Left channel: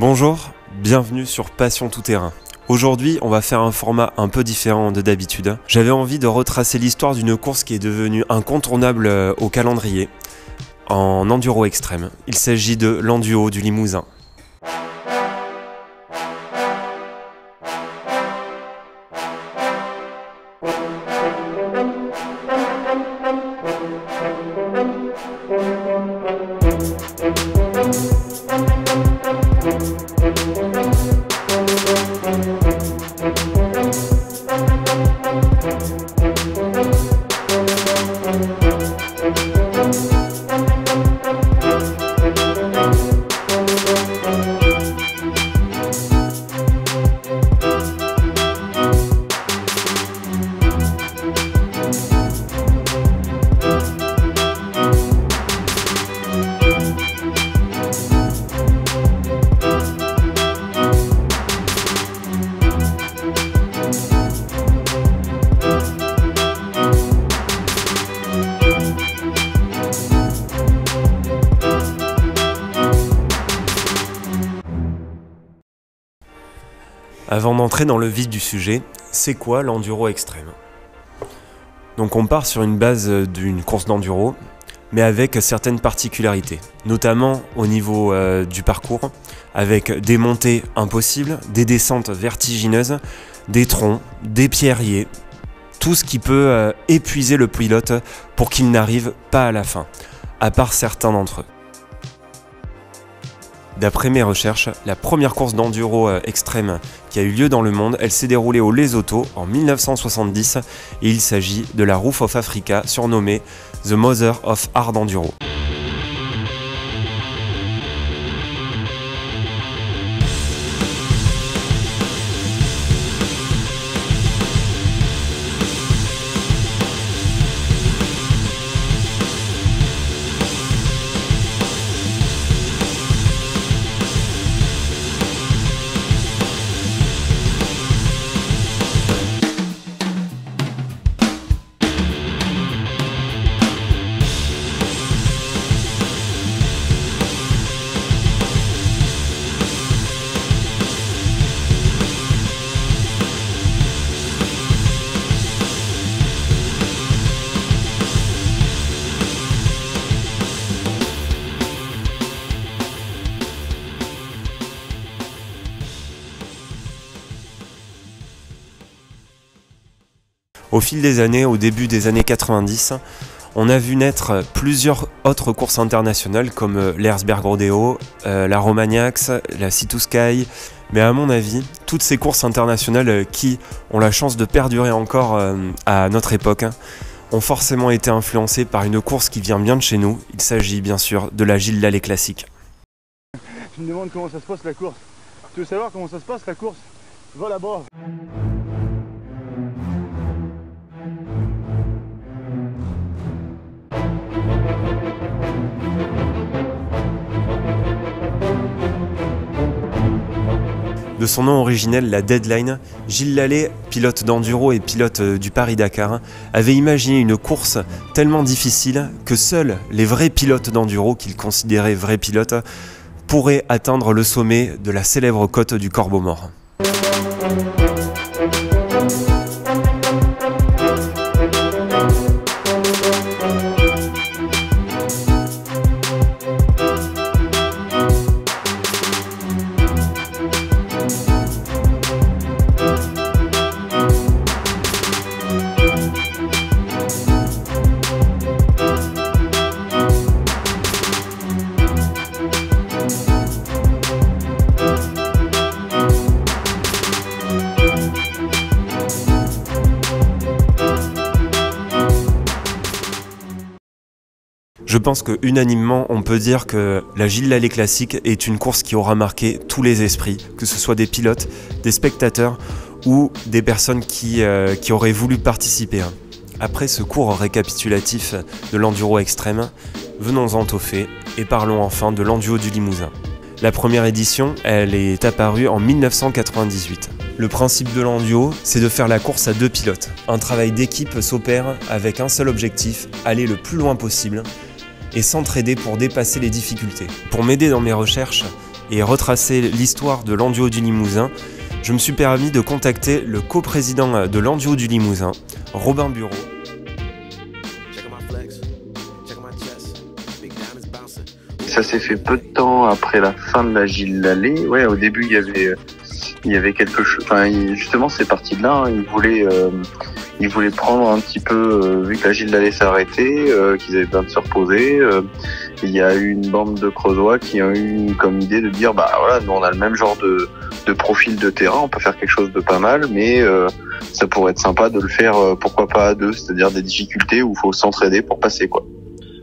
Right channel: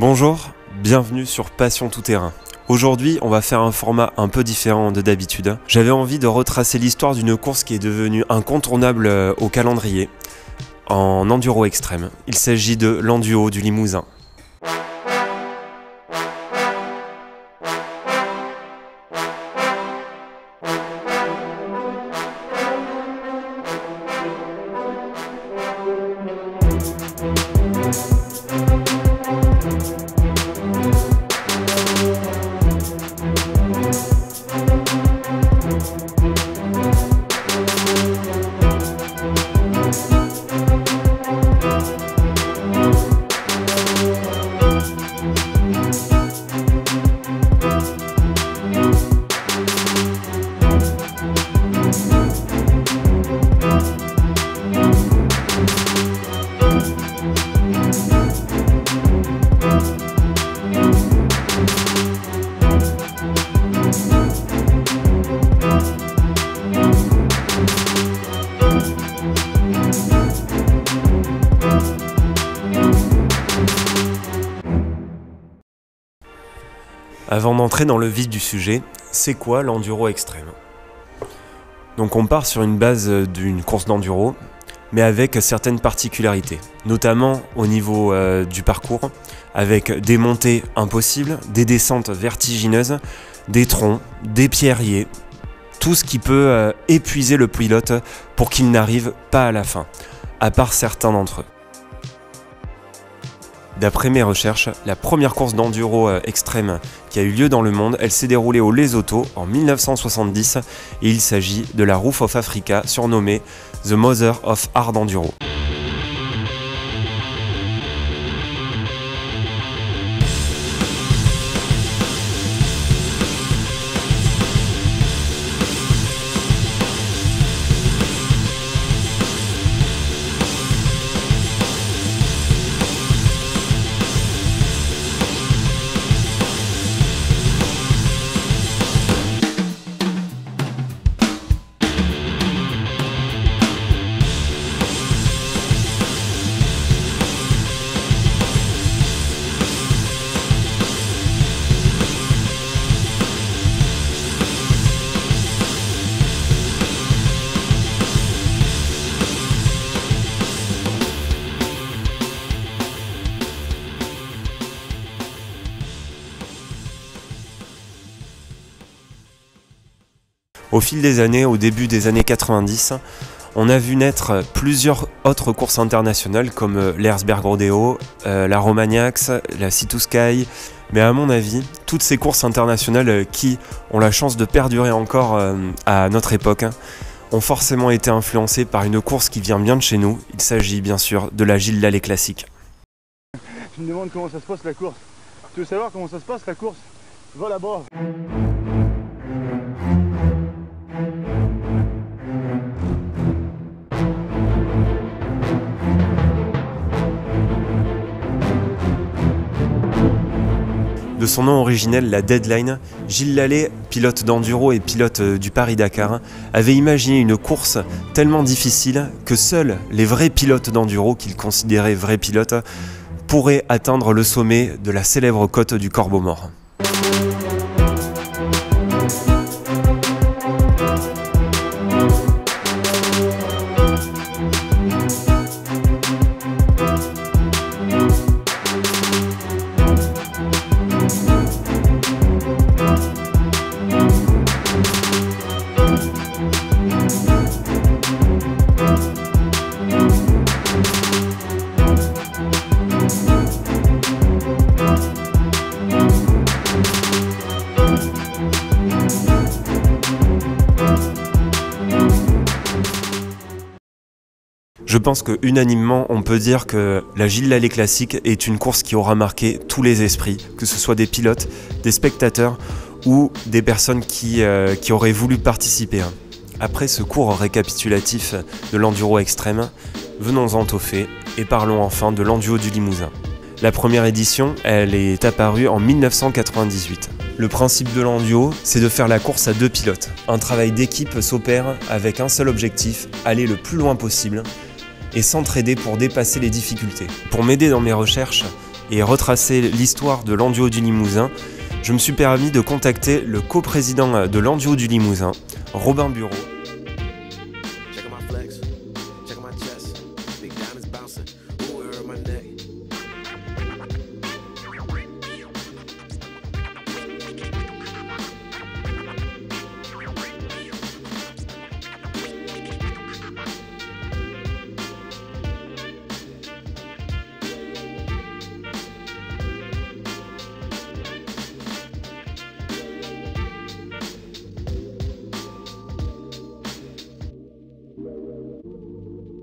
Bonjour, bienvenue sur Passion Tout Terrain. Aujourd'hui, on va faire un format un peu différent de d'habitude. J'avais envie de retracer l'histoire d'une course qui est devenue incontournable au calendrier, en enduro extrême. Il s'agit de l'Enduo du Limousin. Avant d'entrer dans le vif du sujet, c'est quoi l'enduro extrême? Donc on part sur une base d'une course d'enduro, mais avec certaines particularités, notamment au niveau du parcours, avec des montées impossibles, des descentes vertigineuses, des troncs, des pierriers, tout ce qui peut épuiser le pilote pour qu'il n'arrive pas à la fin, à part certains d'entre eux. D'après mes recherches, la première course d'enduro extrême qui a eu lieu dans le monde, elle s'est déroulée au Lesotho en 1970 et il s'agit de la Roof of Africa surnommée The Mother of Hard Enduro. Au fil des années, au début des années 90, on a vu naître plusieurs autres courses internationales comme l'Erzberg Rodeo, la Romagnax, la Sea2Sky. Mais à mon avis, toutes ces courses internationales qui ont la chance de perdurer encore à notre époque ont forcément été influencées par une course qui vient bien de chez nous. Il s'agit bien sûr de la Gilles Lallet classique. Tu me demandes comment ça se passe la course. Tu veux savoir comment ça se passe la course? Va là-bas. De son nom originel, la Deadline, Gilles Lallet, pilote d'enduro et pilote du Paris-Dakar, avait imaginé une course tellement difficile que seuls les vrais pilotes d'enduro, qu'il considérait vrais pilotes, pourraient atteindre le sommet de la célèbre côte du Corbeau Mort. Je pense que unanimement, on peut dire que la Gilles Lallet classique est une course qui aura marqué tous les esprits, que ce soit des pilotes, des spectateurs ou des personnes qui auraient voulu participer. Après ce court récapitulatif de l'enduro extrême, venons-en au fait et parlons enfin de l'Enduo du Limousin. La première édition, elle est apparue en 1998. Le principe de l'Enduo, c'est de faire la course à deux pilotes. Un travail d'équipe s'opère avec un seul objectif, aller le plus loin possible et s'entraider pour dépasser les difficultés. Pour m'aider dans mes recherches, et retracer l'histoire de l'Enduo du Limousin, je me suis permis de contacter le coprésident de l'Enduo du Limousin, Robin Bureau. Ça s'est fait peu de temps après la fin de la Gilles Lallet. Ouais, au début il y avait quelque chose. Enfin, justement, c'est parti de là. Ils voulaient prendre un petit peu, vu que la Gilles Lallet s'est arrêtée, qu'ils avaient besoin de se reposer. Il y a eu une bande de Creusois qui ont eu comme idée de dire, bah voilà, nous on a le même genre de profil de terrain, on peut faire quelque chose de pas mal, mais ça pourrait être sympa de le faire, pourquoi pas à deux, c'est-à-dire des difficultés où il faut s'entraider pour passer, quoi.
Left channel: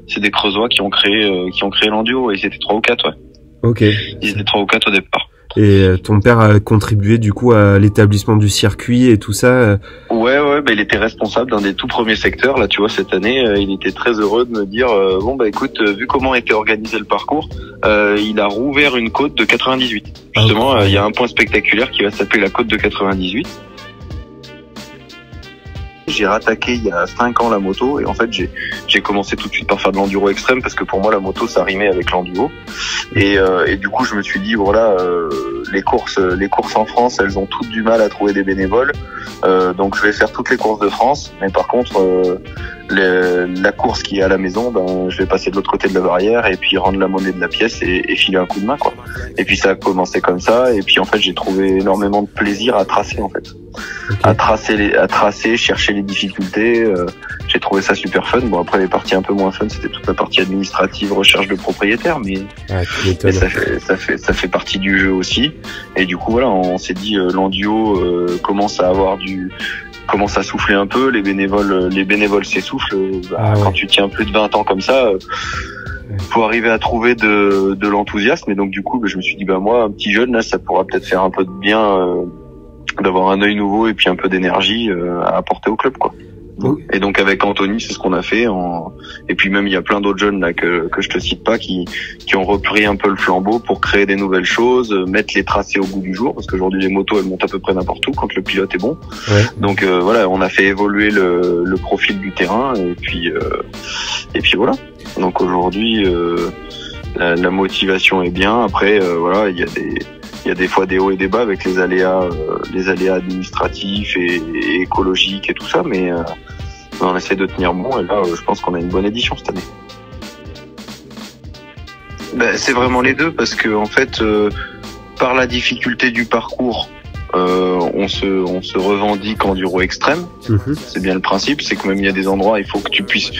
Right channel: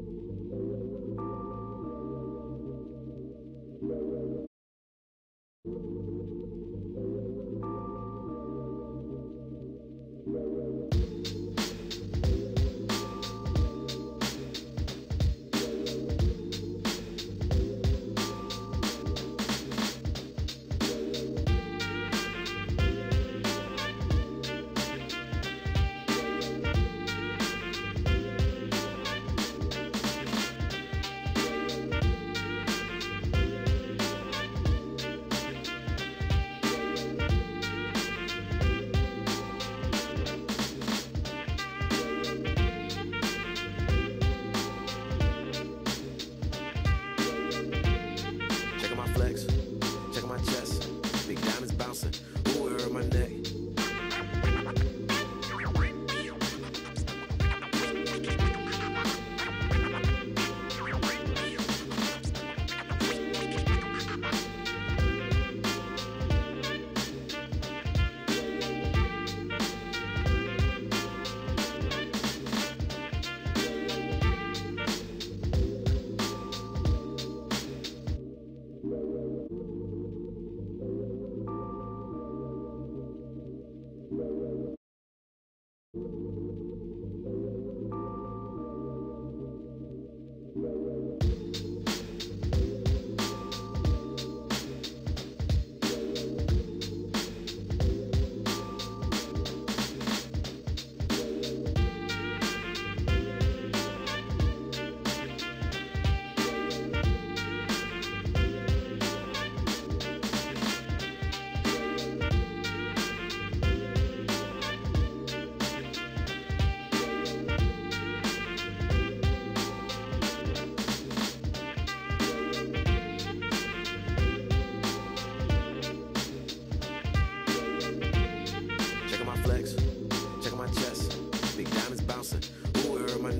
C'est des Creusois qui ont créé l'Enduo, et c'était 3 ou 4, ouais. Ok. Ils étaient 3 ou 4 au départ. Et ton père a contribué du coup à l'établissement du circuit et tout ça. Ouais, bah, il était responsable d'un des tout premiers secteurs. Là, tu vois, cette année, il était très heureux de me dire bon bah écoute, vu comment était organisé le parcours, il a rouvert une côte de 98. Justement, il y a un point spectaculaire qui va s'appeler la côte de 98. J'ai rattaqué il y a 5 ans la moto, et en fait j'ai commencé tout de suite par faire de l'enduro extrême, parce que pour moi la moto ça rimait avec l'enduro, et du coup je me suis dit voilà, les courses en France, elles ont toutes du mal à trouver des bénévoles, donc je vais faire toutes les courses de France, mais par contre la course qui est à la maison, ben je vais passer de l'autre côté de la barrière et puis rendre la monnaie de la pièce et filer un coup de main, quoi. Et puis ça a commencé comme ça, et puis en fait j'ai trouvé énormément de plaisir à tracer, en fait. À tracer, chercher les difficultés, j'ai trouvé ça super fun. Bon, après les parties un peu moins fun, c'était toute la partie administrative, recherche de propriétaires, mais ça fait partie du jeu aussi. Et du coup voilà, on s'est dit l'Enduo commence à souffler un peu, les bénévoles s'essoufflent. Quand tu tiens plus de 20 ans comme ça, faut arriver à trouver de l'enthousiasme. Et donc du coup, je me suis dit moi, un petit jeune là, ça pourra peut-être faire un peu de bien, d'avoir un œil nouveau et puis un peu d'énergie à apporter au club, quoi. Et donc avec Anthony, c'est ce qu'on a fait. Et puis même il y a plein d'autres jeunes là que je te cite pas qui ont repris un peu le flambeau pour créer des nouvelles choses, mettre les tracés au goût du jour, parce qu'aujourd'hui les motos elles montent à peu près n'importe où quand le pilote est bon. Ouais. Donc voilà, on a fait évoluer le profil du terrain, et puis voilà. Donc aujourd'hui la motivation est bien. Après voilà, il y a des fois des hauts et des bas avec les aléas administratifs et écologiques et tout ça, mais on essaie de tenir bon, et là je pense qu'on a une bonne édition cette année. C'est vraiment les deux, parce que en fait par la difficulté du parcours, on se revendique enduro extrême. C'est bien le principe, c'est que même il y a des endroits, il faut que tu puisses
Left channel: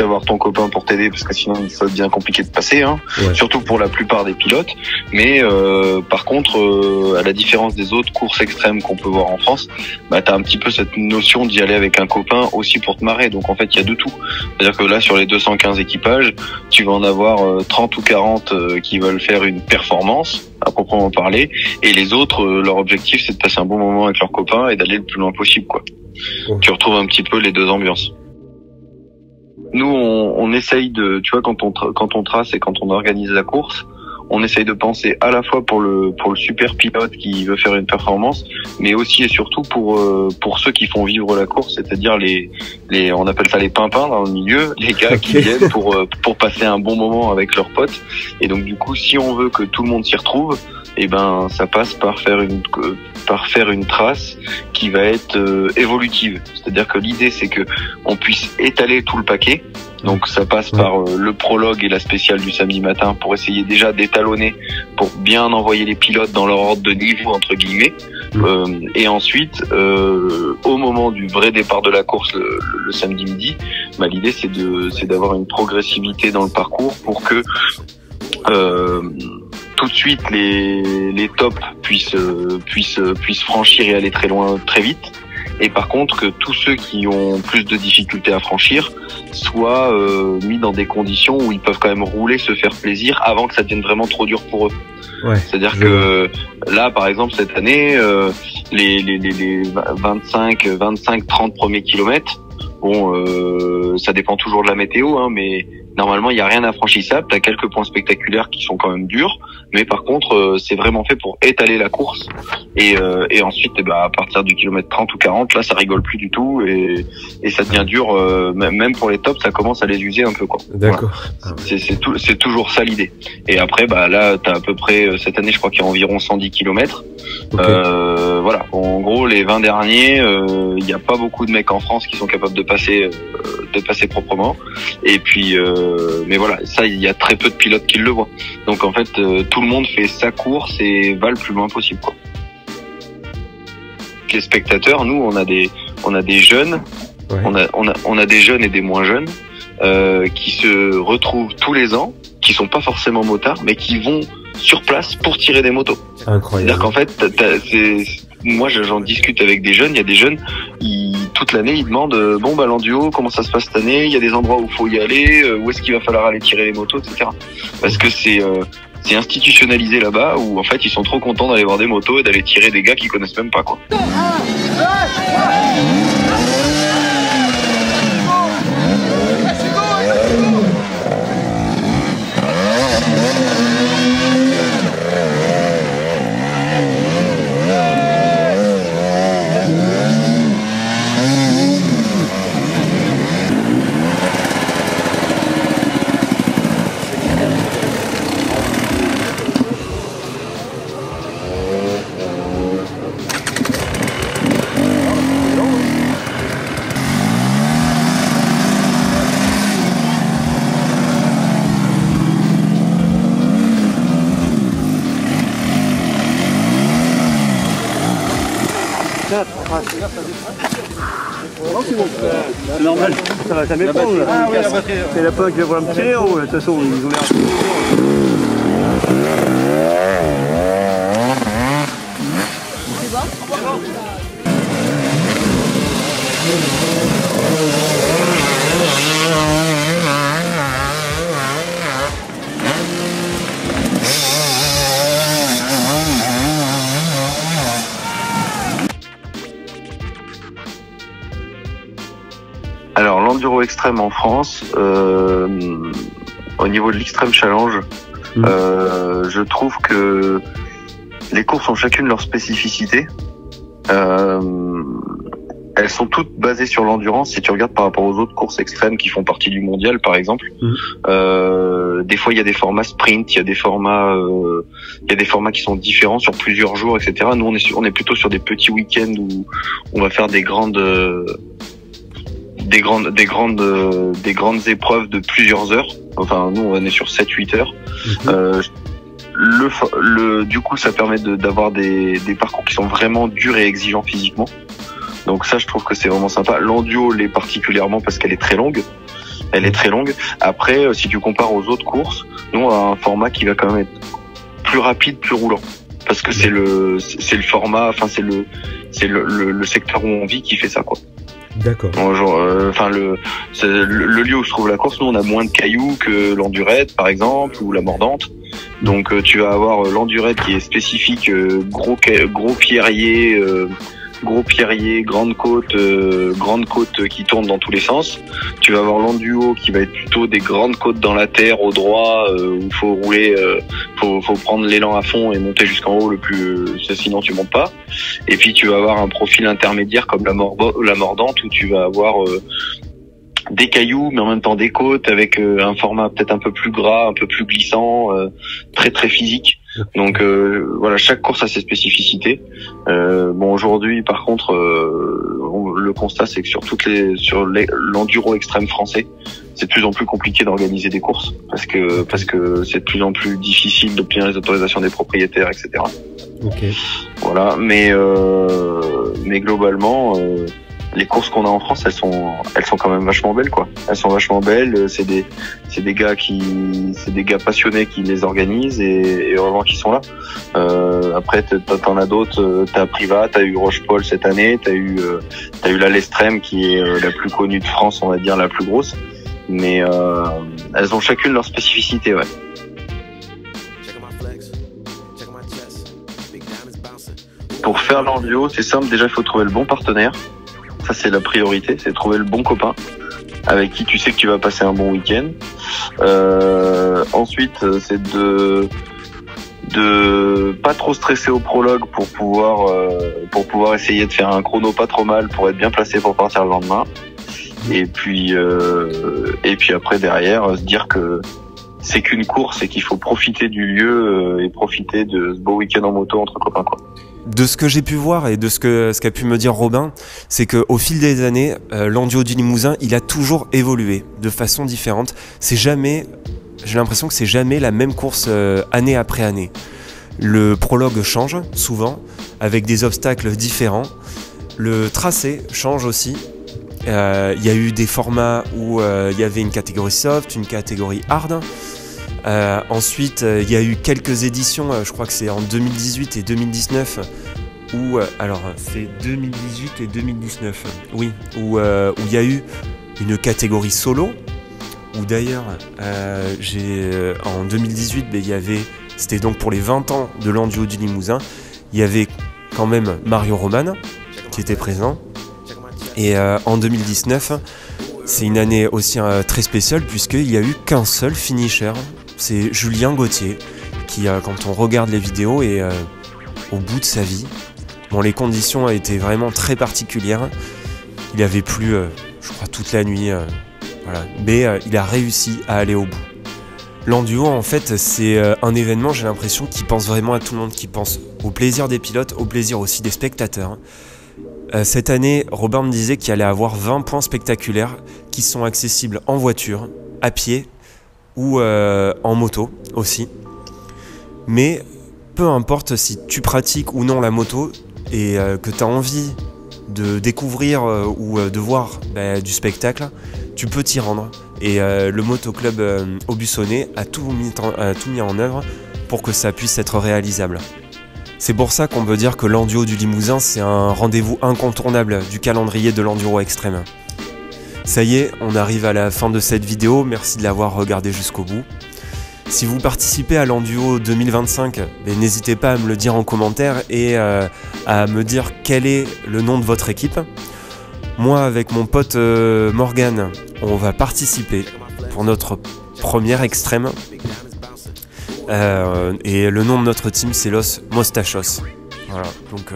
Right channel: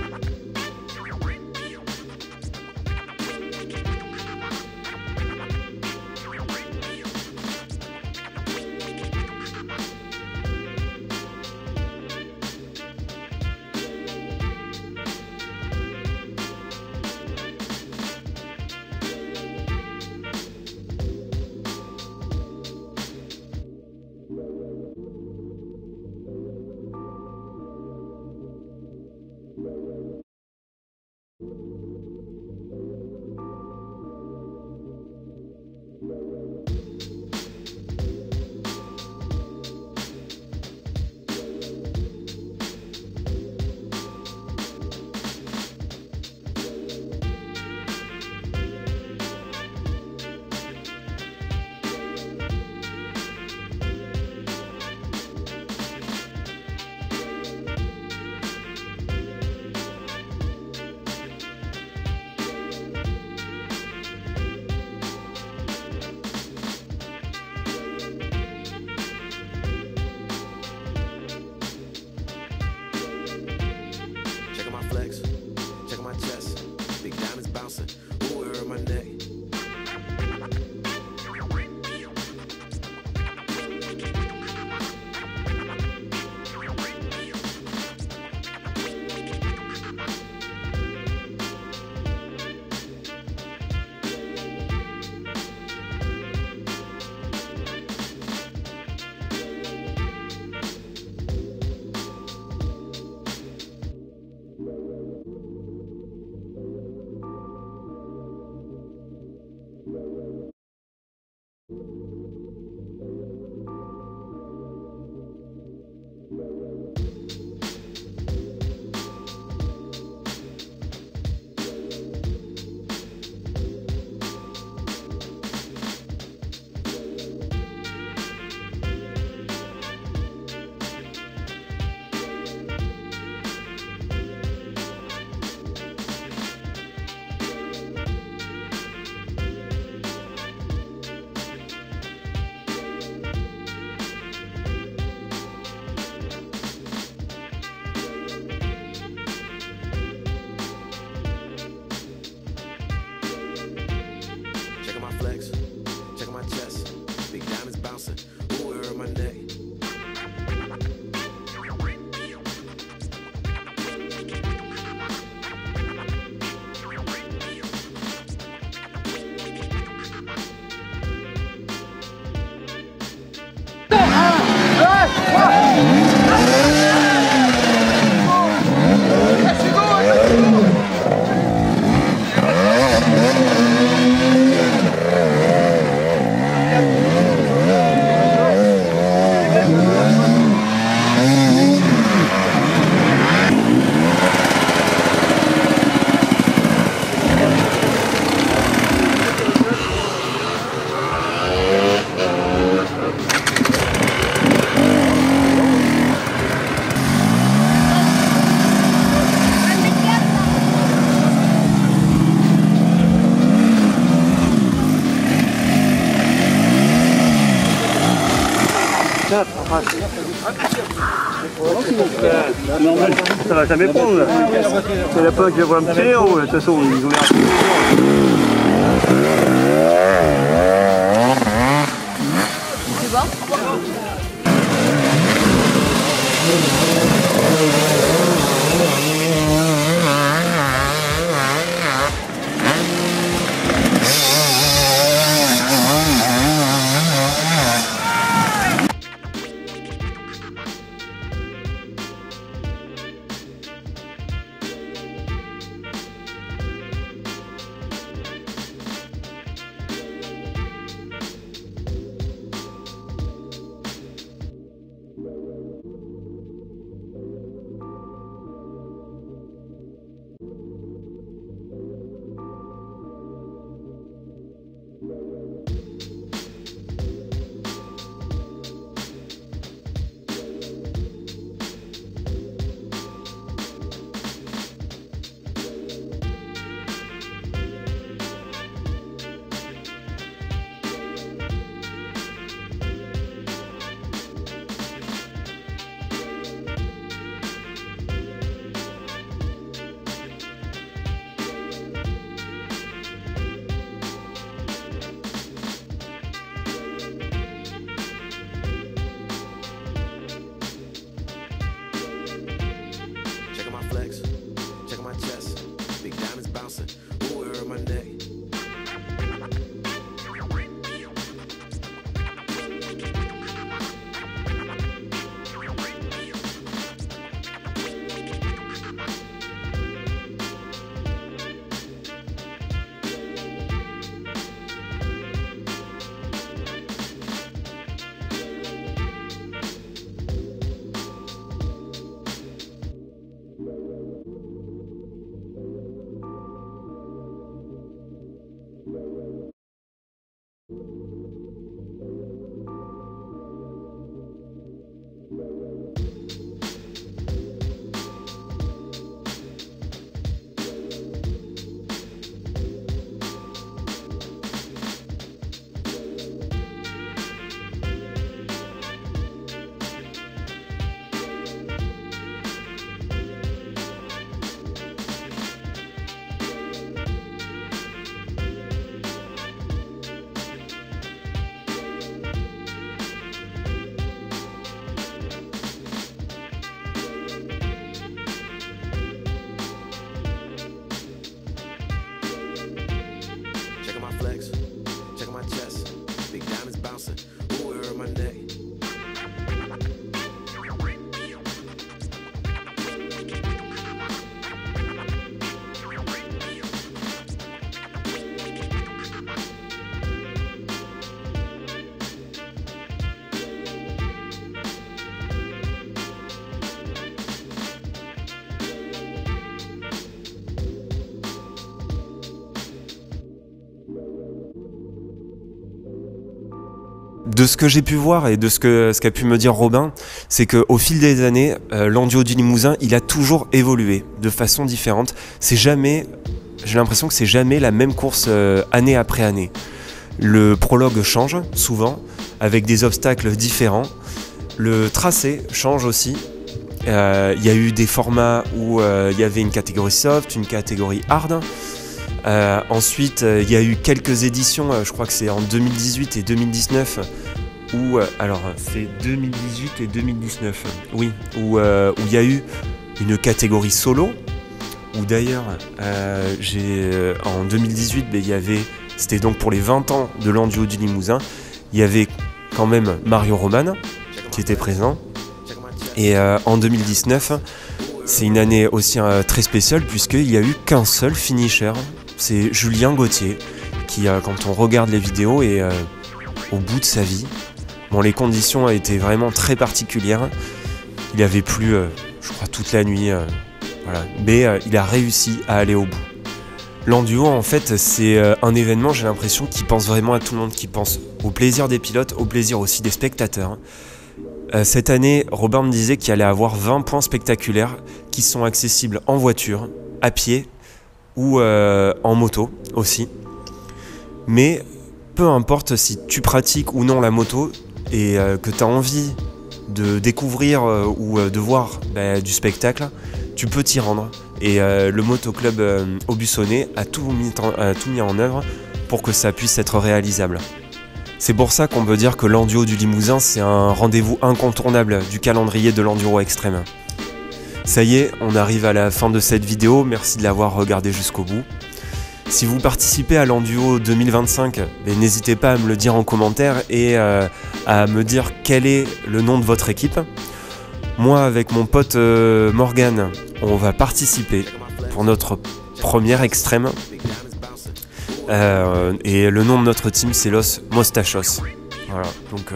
avoir ton copain pour t'aider, parce que sinon ça devient compliqué de passer, hein. Ouais. Surtout pour la plupart des pilotes. Mais par contre, à la différence des autres courses extrêmes qu'on peut voir en France, t'as un petit peu cette notion d'y aller avec un copain aussi pour te marrer. Donc en fait, il y a de tout. C'est-à-dire que là, sur les 215 équipages, tu vas en avoir 30 ou 40 qui veulent faire une performance à proprement parler, et les autres, leur objectif c'est de passer un bon moment avec leurs copains et d'aller le plus loin possible, quoi. Tu retrouves un petit peu les deux ambiances. Nous on essaye de, tu vois, quand on trace et quand on organise la course, on essaye de penser à la fois pour le super pilote qui veut faire une performance, mais aussi et surtout pour ceux qui font vivre la course, c'est-à-dire on appelle ça les pimpins dans le milieu, les gars qui viennent pour passer un bon moment avec leurs potes. Et donc du coup, si on veut que tout le monde s'y retrouve, ça passe par faire une trace qui va être évolutive. C'est-à-dire que l'idée c'est que on puisse étaler tout le paquet. Donc ça passe par le prologue et la spéciale du samedi matin, pour essayer déjà d'étalonner, pour bien envoyer les pilotes dans leur ordre de niveau, entre guillemets. Et ensuite, au moment du vrai départ de la course le samedi midi, l'idée c'est d'avoir une progressivité dans le parcours pour que tout de suite les tops puissent franchir et aller très loin très vite. Et par contre, que tous ceux qui ont plus de difficultés à franchir soient mis dans des conditions où ils peuvent quand même rouler, se faire plaisir, avant que ça devienne vraiment trop dur pour eux. Ouais. C'est-à-dire que là, par exemple, cette année, les 25, 30 premiers kilomètres, ça dépend toujours de la météo, hein, mais Normalement, il n'y a rien d'infranchissable. Tu as quelques points spectaculaires qui sont quand même durs, mais par contre, c'est vraiment fait pour étaler la course. Et ensuite, à partir du kilomètre 30 ou 40, là, ça rigole plus du tout et ça devient dur. Même pour les tops, ça commence à les user un peu, quoi. D'accord. Voilà. C'est toujours ça l'idée. Et après, là, tu as à peu près, cette année, je crois qu'il y a environ 110 kilomètres. Okay. Voilà. En gros, les 20 derniers, il n'y a pas beaucoup de mecs en France qui sont capables de passer proprement. Et puis, mais voilà, ça, il y a très peu de pilotes qui le voient. Donc en fait, tout le monde fait sa course et va le plus loin possible, quoi. Les spectateurs, nous, on a des jeunes, ouais. on a des jeunes et des moins jeunes qui se retrouvent tous les ans, qui sont pas forcément motards, mais qui vont sur place pour tirer des motos. C'est-à-dire qu'en fait, moi, j'en discute avec des jeunes. Il y a des jeunes, toute l'année, ils demandent l'enduo, comment ça se passe cette année? Il y a des endroits où il faut y aller, où est-ce qu'il va falloir aller tirer les motos, etc. Parce que c'est institutionnalisé là-bas, où en fait, ils sont trop contents d'aller voir des motos et d'aller tirer des gars qu'ils connaissent même pas, quoi. C'est normal, ça va jamais prendre là. C'est la poche qui va voir un petit héros, de toute façon, ils ont l'air. C'est bon ? Alors l'enduro extrême en France, au niveau de l'extrême challenge, je trouve que les courses ont chacune leur spécificité. Elles sont toutes basées sur l'endurance. Si tu regardes par rapport aux autres courses extrêmes qui font partie du mondial, par exemple, des fois il y a des formats sprint, il y a des formats qui sont différents sur plusieurs jours, etc. Nous on est plutôt sur des petits week-ends où on va faire des grandes épreuves de plusieurs heures. Enfin, nous, on est sur 7-8 heures. Du coup, ça permet d'avoir des parcours qui sont vraiment durs et exigeants physiquement. Donc ça, je trouve que c'est vraiment sympa. L'enduo l'est particulièrement parce qu'elle est très longue. Après, si tu compares aux autres courses, nous, on a un format qui va quand même être plus rapide, plus roulant. Parce que c'est le format, enfin, c'est le secteur où on vit qui fait ça, quoi. D'accord. Le lieu où se trouve la course, nous on a moins de cailloux que l'endurette par exemple ou la mordante. Donc tu vas avoir l'endurette qui est spécifique, gros pierrier, grande côte qui tourne dans tous les sens. Tu vas avoir l'enduo qui va être plutôt des grandes côtes dans la terre au droit, où il faut rouler, faut prendre l'élan à fond et monter jusqu'en haut sinon tu montes pas. Et puis tu vas avoir un profil intermédiaire comme la mordante où tu vas avoir des cailloux mais en même temps des côtes avec un format peut-être un peu plus gras, un peu plus glissant, très très physique. Donc voilà, chaque course a ses spécificités. Aujourd'hui par contre le constat c'est que sur l'enduro extrême français, c'est de plus en plus compliqué d'organiser des courses parce que c'est de plus en plus difficile d'obtenir les autorisations des propriétaires, etc. Okay. Voilà, mais globalement les courses qu'on a en France, elles sont quand même vachement belles, quoi. Elles sont vachement belles. C'est des gars passionnés qui les organisent et vraiment qui sont là. Après, t'en as d'autres. T'as Priva, t'as eu Roche-Paul cette année, t'as eu la Lestrem qui est la plus connue de France, on va dire la plus grosse. Mais elles ont chacune leur spécificité, ouais. Pour faire l'enduo, c'est simple. Déjà, il faut trouver le bon partenaire. Ça, c'est la priorité, c'est trouver le bon copain avec qui tu sais que tu vas passer un bon week-end. Ensuite, c'est de pas trop stresser au prologue pour pouvoir essayer de faire un chrono pas trop mal pour être bien placé pour partir le lendemain. Et puis après derrière se dire que c'est qu'une course et qu'il faut profiter du lieu et profiter de ce beau week-end en moto entre copains, quoi. De ce que j'ai pu voir et de ce qu'a pu me dire Robin, c'est qu'au fil des années, l'Enduo du Limousin, il a toujours évolué de façon différente. J'ai l'impression que c'est jamais la même course année après année. Le prologue change souvent, avec des obstacles différents. Le tracé change aussi. Il y a eu des formats où il y avait une catégorie soft, une catégorie hard. Ensuite, il y a eu quelques éditions, je crois que c'est en 2018 et 2019, où c'est 2018 et 2019, oui, où il y a eu une catégorie solo, où d'ailleurs, en 2018, c'était donc pour les 20 ans de l'Enduo du Limousin, il y avait quand même Mario Roman qui était présent, et en 2019, c'est une année aussi très spéciale puisqu'il n'y a eu qu'un seul finisher. C'est Julien Gauthier qui, quand on regarde les vidéos, est au bout de sa vie. Bon, les conditions étaient vraiment très particulières. Il avait plu, je crois, toute la nuit. Voilà. Mais il a réussi à aller au bout. L'Enduo, en fait, c'est un événement, j'ai l'impression, qui pense vraiment à tout le monde, qui pense au plaisir des pilotes, au plaisir aussi des spectateurs. Cette année, Robin me disait qu'il allait avoir 20 points spectaculaires qui sont accessibles en voiture, à pied, ou en moto aussi. Mais peu importe si tu pratiques ou non la moto et que tu as envie de découvrir ou de voir du spectacle, tu peux t'y rendre. Et le motoclub Aubusson a tout mis en œuvre pour que ça puisse être réalisable. C'est pour ça qu'on peut dire que l'Enduo du Limousin, c'est un rendez-vous incontournable du calendrier de l'enduro extrême. Ça y est, on arrive à la fin de cette vidéo, merci de l'avoir regardé jusqu'au bout. Si vous participez à l'Enduo 2025, n'hésitez pas à me le dire en commentaire et à me dire quel est le nom de votre équipe. Moi, avec mon pote Morgan, on va participer pour notre première extrême. Et le nom de notre team, c'est Los Mostachos. Voilà, donc...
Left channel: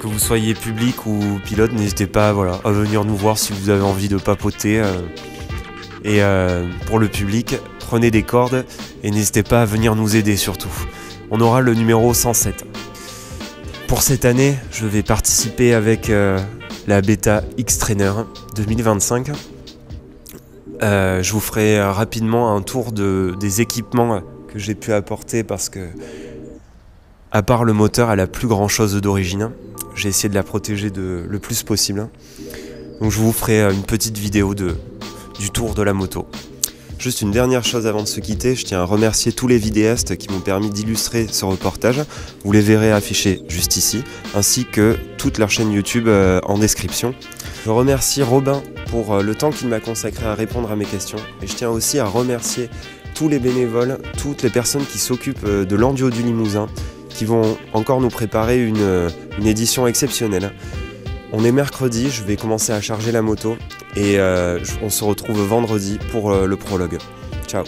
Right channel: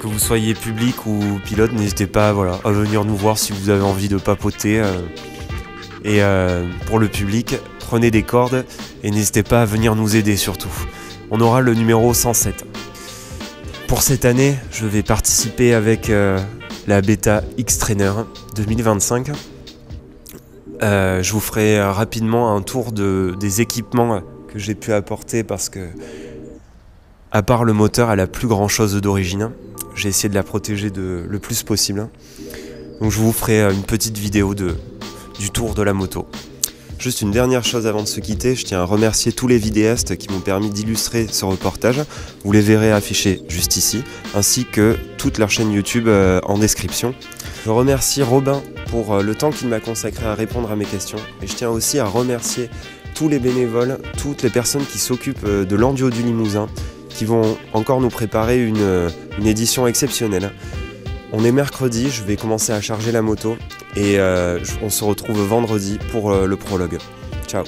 que vous soyez public ou pilote, n'hésitez pas à venir nous voir si vous avez envie de papoter. Et pour le public, prenez des cordes et n'hésitez pas à venir nous aider surtout. On aura le numéro 107. Pour cette année, je vais participer avec la Beta X-Trainer 2025. Je vous ferai rapidement un tour des équipements que j'ai pu apporter parce que, à part le moteur, elle a plus grand chose d'origine. J'ai essayé de la protéger le plus possible. Donc je vous ferai une petite vidéo du tour de la moto. Juste une dernière chose avant de se quitter, je tiens à remercier tous les vidéastes qui m'ont permis d'illustrer ce reportage. Vous les verrez affichés juste ici, ainsi que toute leur chaîne YouTube en description. Je remercie Robin pour le temps qu'il m'a consacré à répondre à mes questions. Et je tiens aussi à remercier tous les bénévoles, toutes les personnes qui s'occupent de l'Enduo du Limousin, qui vont encore nous préparer une édition exceptionnelle. On est mercredi, je vais commencer à charger la moto et on se retrouve vendredi pour le prologue. Ciao.